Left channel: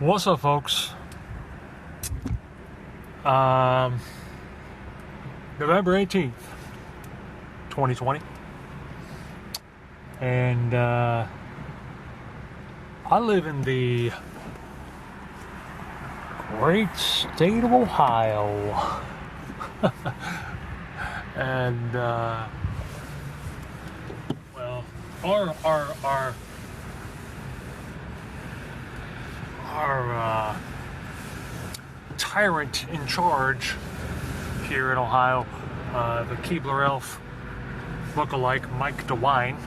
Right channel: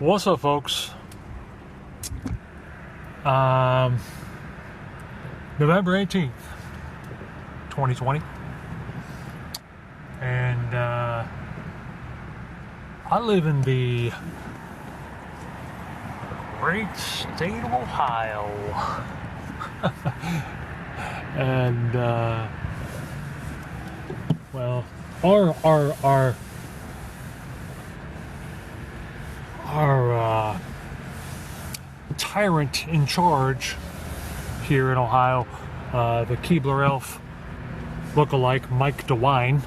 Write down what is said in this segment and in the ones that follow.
What's up, folks? November 18th, 2020. And I live in the great state of Ohio. And well, our tyrant in charge here in Ohio, the Keebler Elf look-alike Mike DeWine,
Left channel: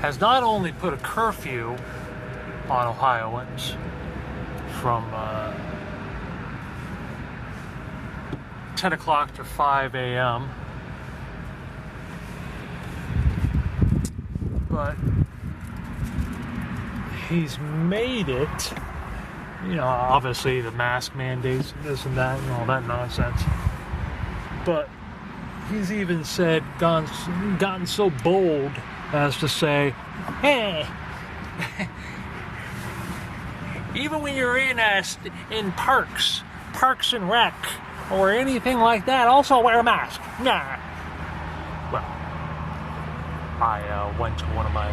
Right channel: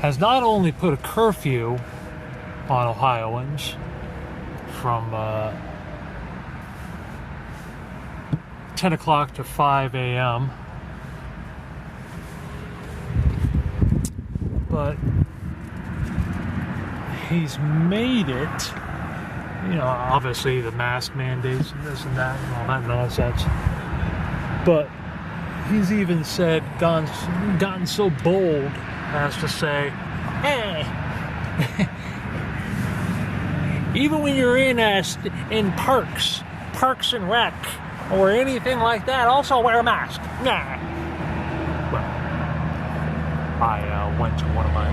has not only put a curfew on Ohioans from 10 o'clock to 5 a.m., but he's made it, obviously the mask mandates and this and that and all that nonsense, but he's even said, gotten so bold as to say, hey, even when you're in parks and rec, or anything like that, also wear a mask. Nah. Well, I went to one of my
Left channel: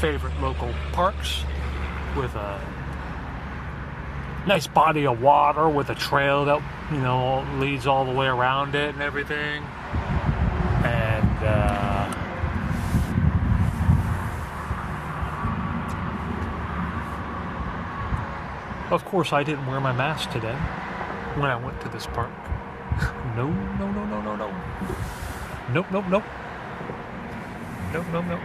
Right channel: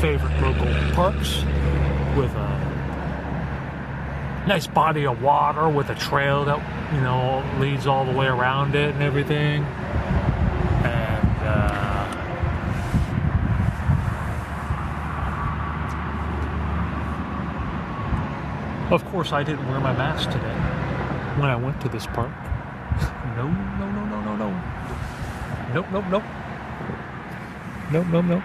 favorite local parks with a nice body of water with a trail that, leads all the way around it and everything. And, of course, I didn't wear my mask today when I went to this park. No. Nope.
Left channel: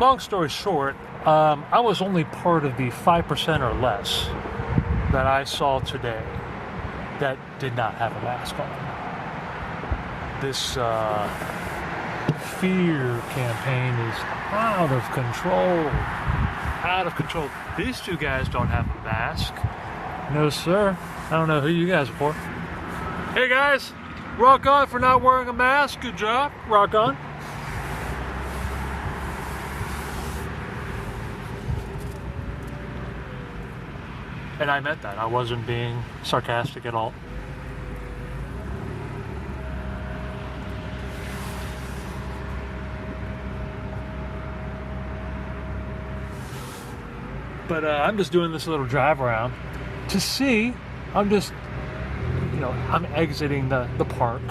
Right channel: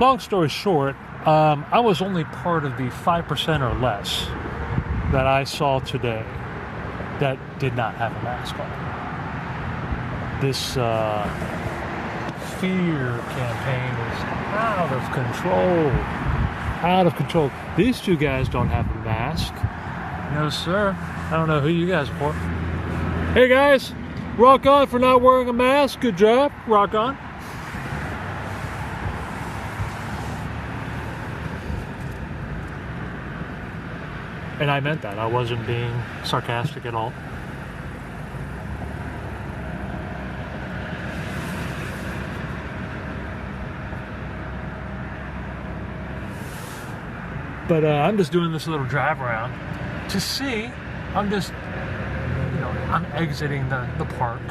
Long story short, I was only part of the 5% or less that I saw today that did not have a mask on. This fear campaign is out of control. These two guys don't have a mask. No, sir. I don't know who you guys are for. Hey, guys. Rock on for not wearing a mask. Good job. Rock on. And I meant that. I wasn't being sarcastic at all. But I'm just doing this little drive around to see. I'm exiting the park.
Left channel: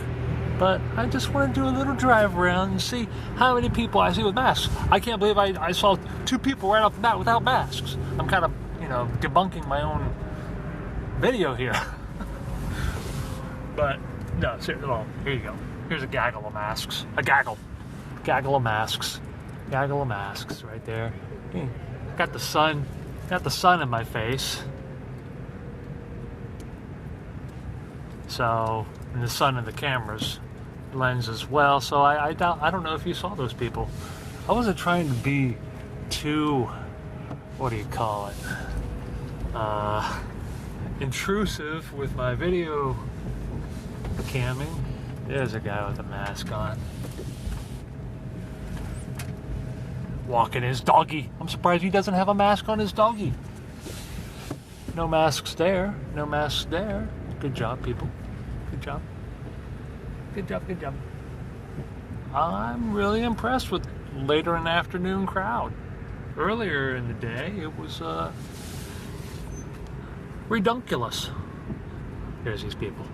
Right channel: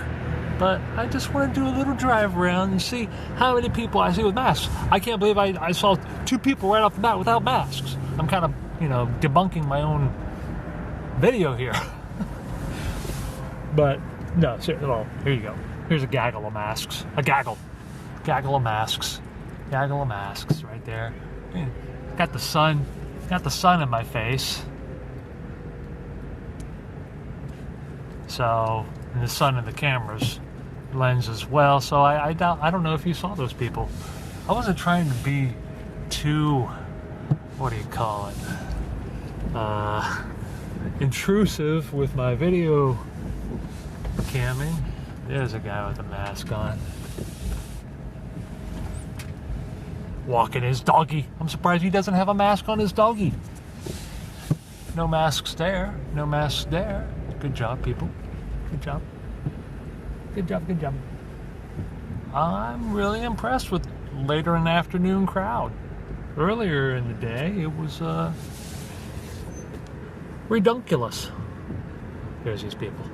But I just want to do a little drive around and see how many people I see with masks. I can't believe I saw 2 people right off the bat without masks. I'm kind of, debunking my own video here. But, no, well, here you go. Here's a gaggle of masks. A gaggle of masks. Gaggle of masks right there. Got the sun in my face. So, and the sun in the camera's lens as well. So I don't know if you saw those people. I wasn't trying to be too, what do you call it? Intrusive with my video camming. There's a guy with a mask on. Walking his doggy. I'm surprised he doesn't have a mask on his doggy. No masks there. Good job, people. Good job. I'm really impressed with later in the afternoon crowd. Earlier in the day, it was redunculous. Here's these people.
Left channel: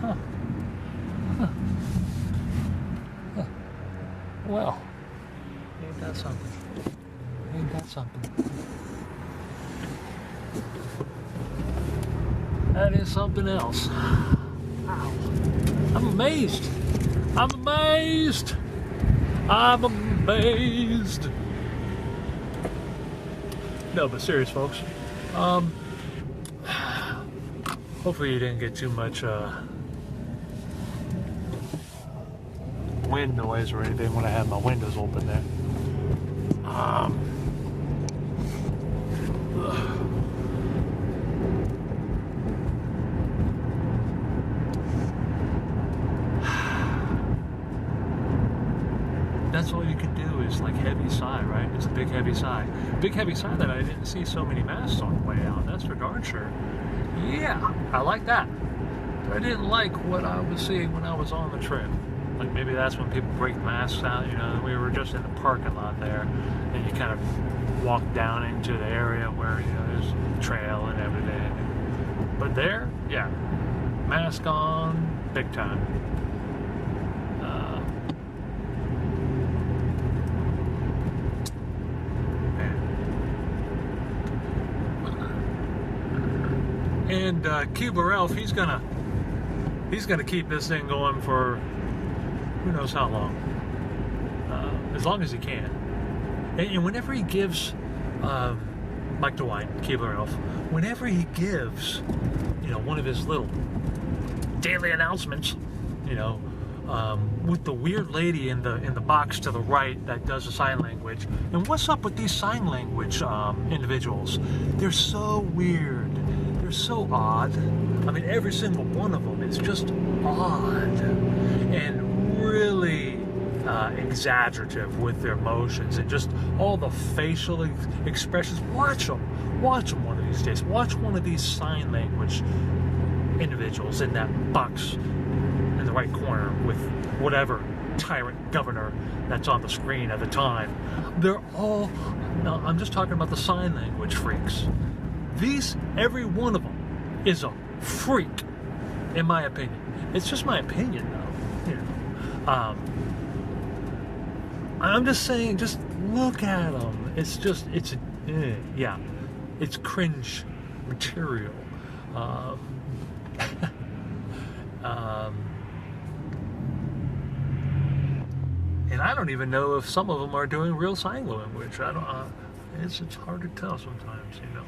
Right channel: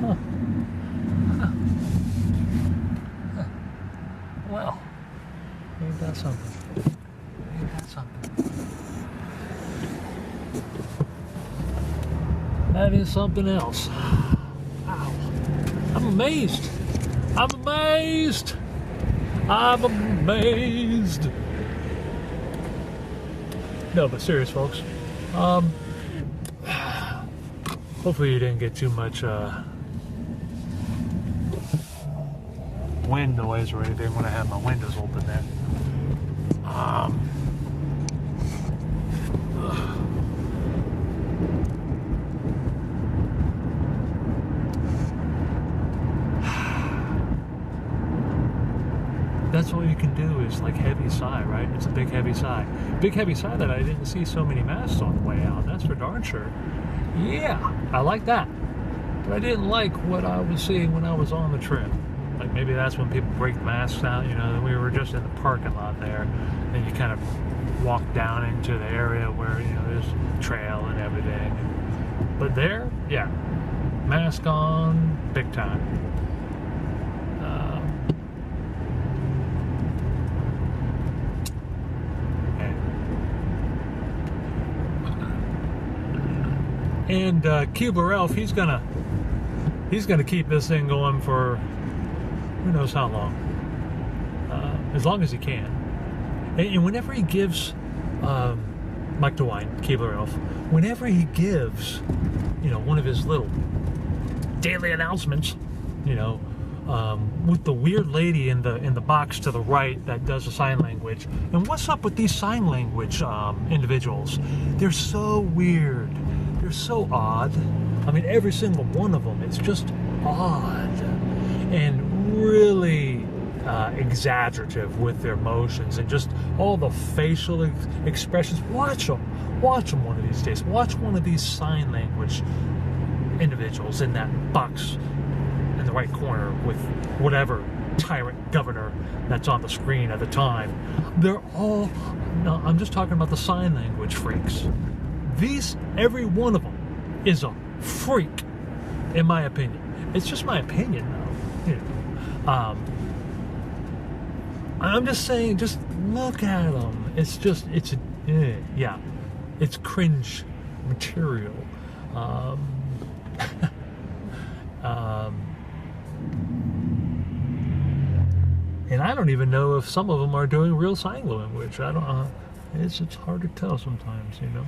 Huh. Well, ain't that something? That is something else. Wow. I'm amazed. No, but serious, folks. Hopefully you didn't get too much wind noise or anything when I have my windows open there. like heavy sigh, right? It's a big heavy sigh. Big heavy sigh that I didn't see so many masks on the way out. That's for darn sure. Yeah, I like that. But I didn't like what I was seeing when I was on the trip. Like maybe that's when people break masks out. You know, we were just in the parking lot there, and you kind of walk down into the area where, you know, there's trail and everything. But there, yeah, mask on, big time. And Keebler Elf, he's gonna keep this thing going for who knows how long, as long as he can. And whenever he gives Mike DeWine, Keebler Elf, whenever he gives, you know, one of his little daily announcements, you know, with the weird lady in the box to the right that does the sign language. And what's up with these sign language individuals? They're so weird. They're so odd. I mean, every single one of them is just odd and really exaggerative with their emotions and just all the facial expressions. Watch them one of these days. Watch one of these sign language individuals in that box in the right corner with whatever tyrant governor that's on the screen at the time. They're all, no, I'm just talking about the sign language freaks. Every one of them is a freak, in my opinion. It's just my opinion, though. You know, I'm just saying, just look at them. It's cringe material. And I don't even know if some of them are doing real sign language. I don't. It's hard to tell sometimes, you know.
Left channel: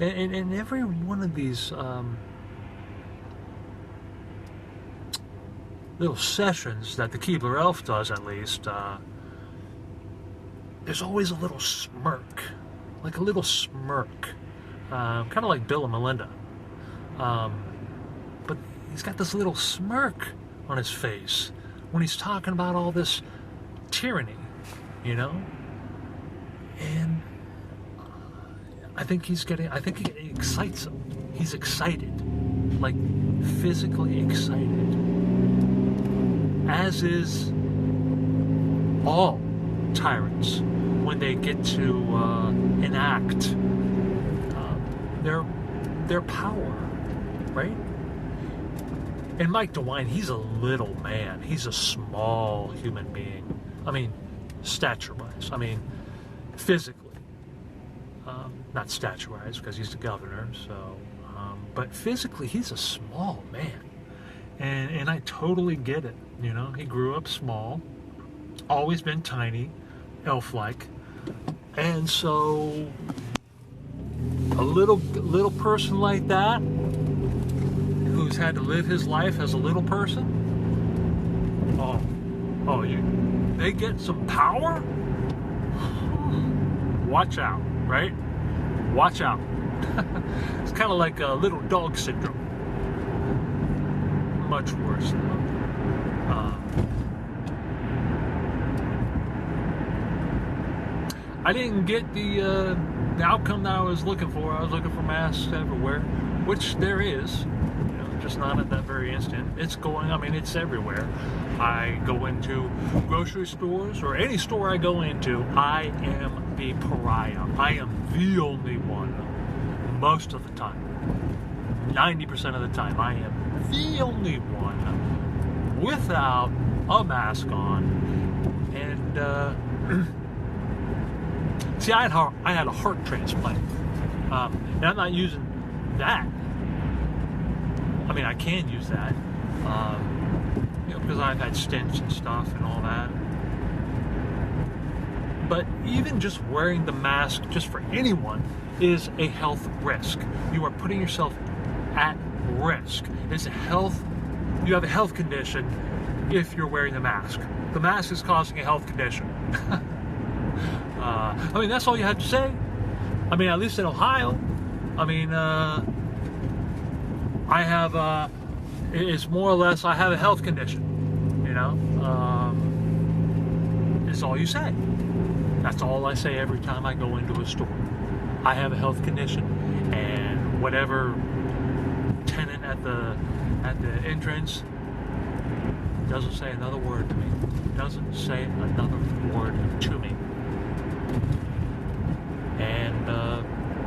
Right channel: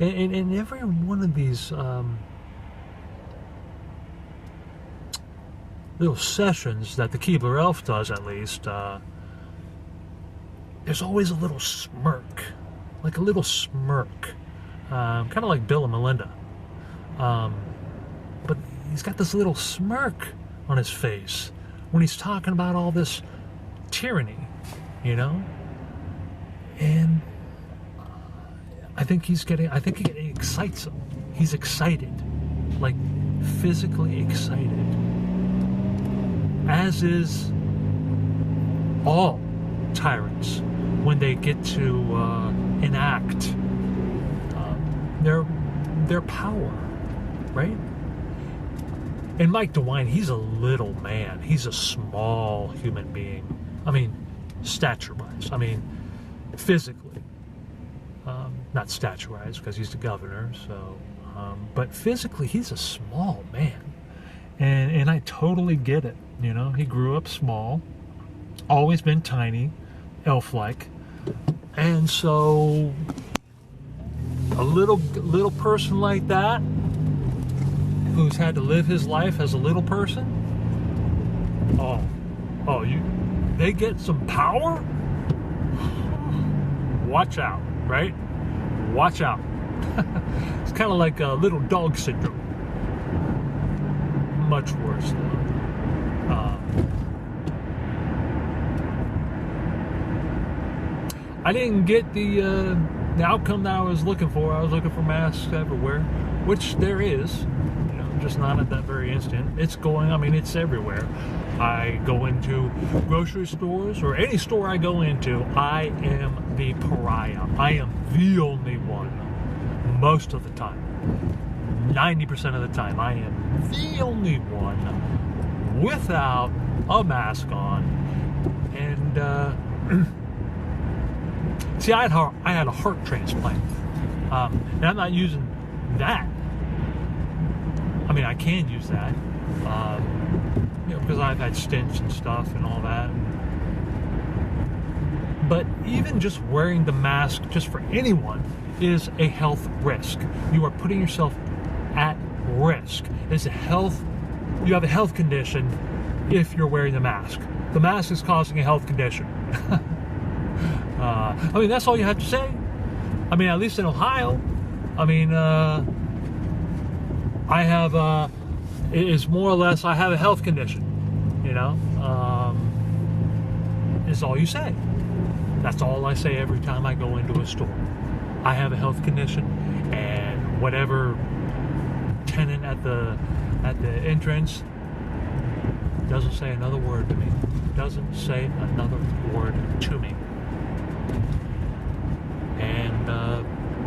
And every one of these little sessions that the Keebler Elf does, at least, there's always a little smirk, kind of like Bill and Melinda. But he's got this little smirk on his face when he's talking about all this tyranny, you know. And I think it excites him. He's excited, like physically excited, as is all tyrants when they get to enact their power, right? And Mike DeWine, he's a little man. He's a small human being. I mean, stature-wise. I mean, physically. Not stature-wise, because he's the governor, so... but physically, he's a small man. And I totally get it, you know? He grew up small, always been tiny, elf-like. And so, a little person like that, who's had to live his life as a little person, they get some power? Watch out, right? Watch out. It's kind of like little dog syndrome. Much worse, though. I didn't get the outcome that I was looking for. I was looking for masks everywhere, which there is, you know, just not at that very instant. It's everywhere. I go into grocery stores or any store I go into, I am the pariah. I am the only one. Most of the time. 90% of the time, I am the only one without a mask on. And, see, I had a heart transplant. And I'm not using that. I mean, I can use that. You know, because I've had stents and stuff and all that. But even just wearing the mask, just for anyone, is a health risk. You are putting yourself at risk. You have a health condition if you're wearing the mask. The mask is causing a health condition. I mean, that's all you have to say. I mean, at least in Ohio. I mean, it's more or less, I have a health condition, you know, is all you say. That's all I say every time I go into a store. I have a health condition, and whatever tenant at the entrance doesn't say another word to me. Doesn't say another word to me. And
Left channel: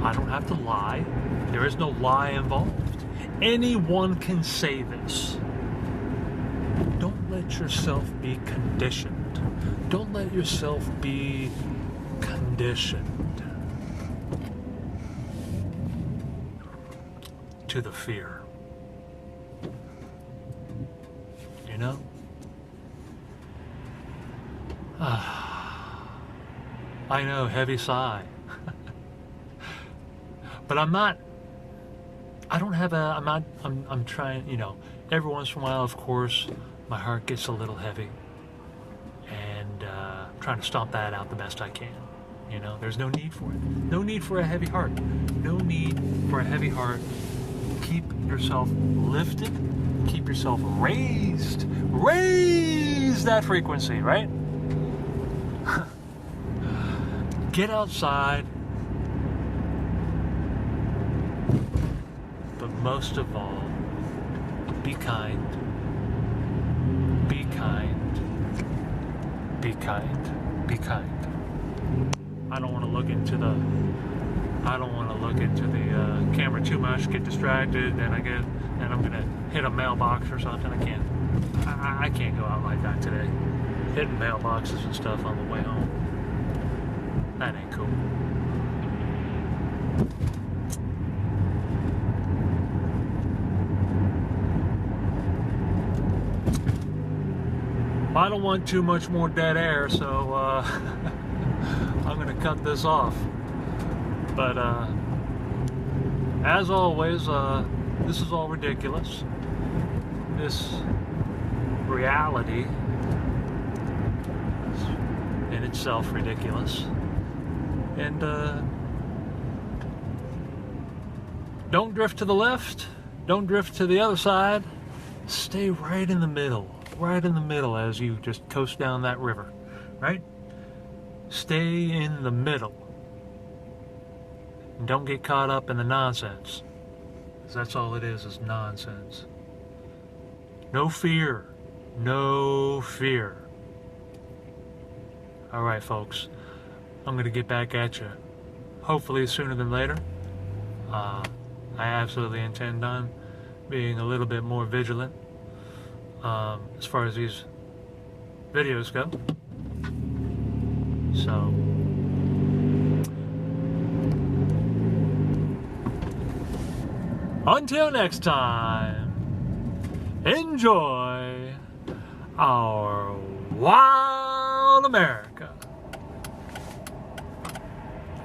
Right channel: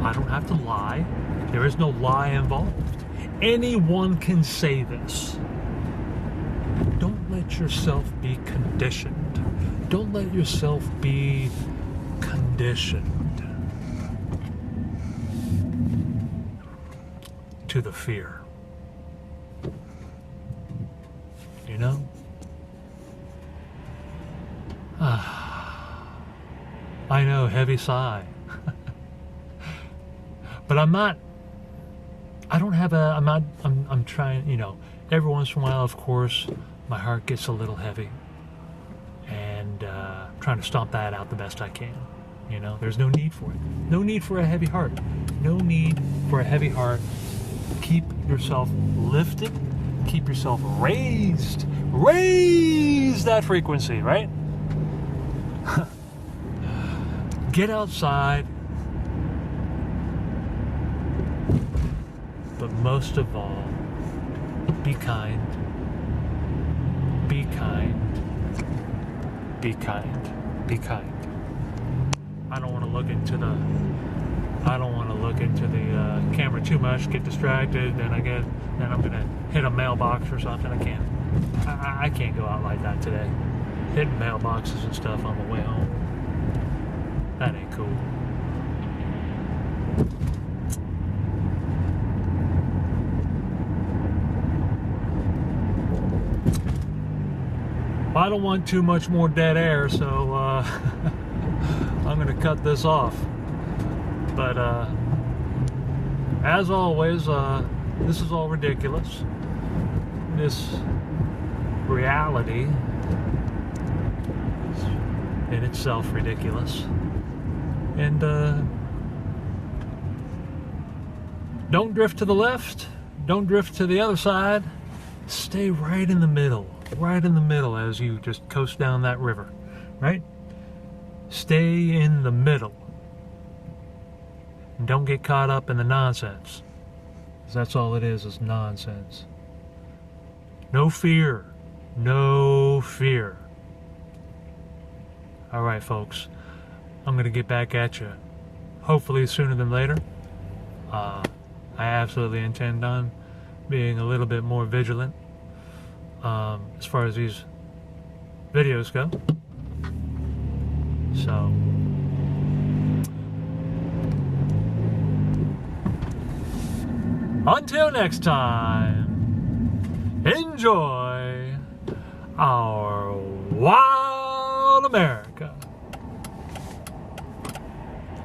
I don't have to lie. There is no lie involved. Anyone can say this. Don't let yourself be conditioned. Don't let yourself be conditioned to the fear. You know? I know, heavy sigh. But I'm trying, you know, every once in a while, of course, my heart gets a little heavy. And trying to stomp that out the best I can. You know, there's no need for it. No need for a heavy heart. No need for a heavy heart. Keep yourself lifted. Keep yourself raised. Raise that frequency, right? Get outside. But most of all, be kind. Be kind. Be kind. Be kind. I don't want to look into the camera too much, get distracted, and I'm gonna hit a mailbox or something. I can't go out like that today. Hitting mailboxes and stuff on the way home. That ain't cool. I don't want too much more dead air, so I'm going to cut this off. But as always, this is all ridiculous. This reality is in itself ridiculous. And don't drift to the left. Don't drift to the other side. Stay right in the middle. Right in the middle as you just coast down that river, right? Stay in the middle. And don't get caught up in the nonsense. Because that's all it is nonsense. No fear. No fear. All right, folks. I'm going to get back at you. Hopefully sooner than later. I absolutely intend on being a little bit more vigilant. As far as these videos go. So, until next time, enjoy our wild America.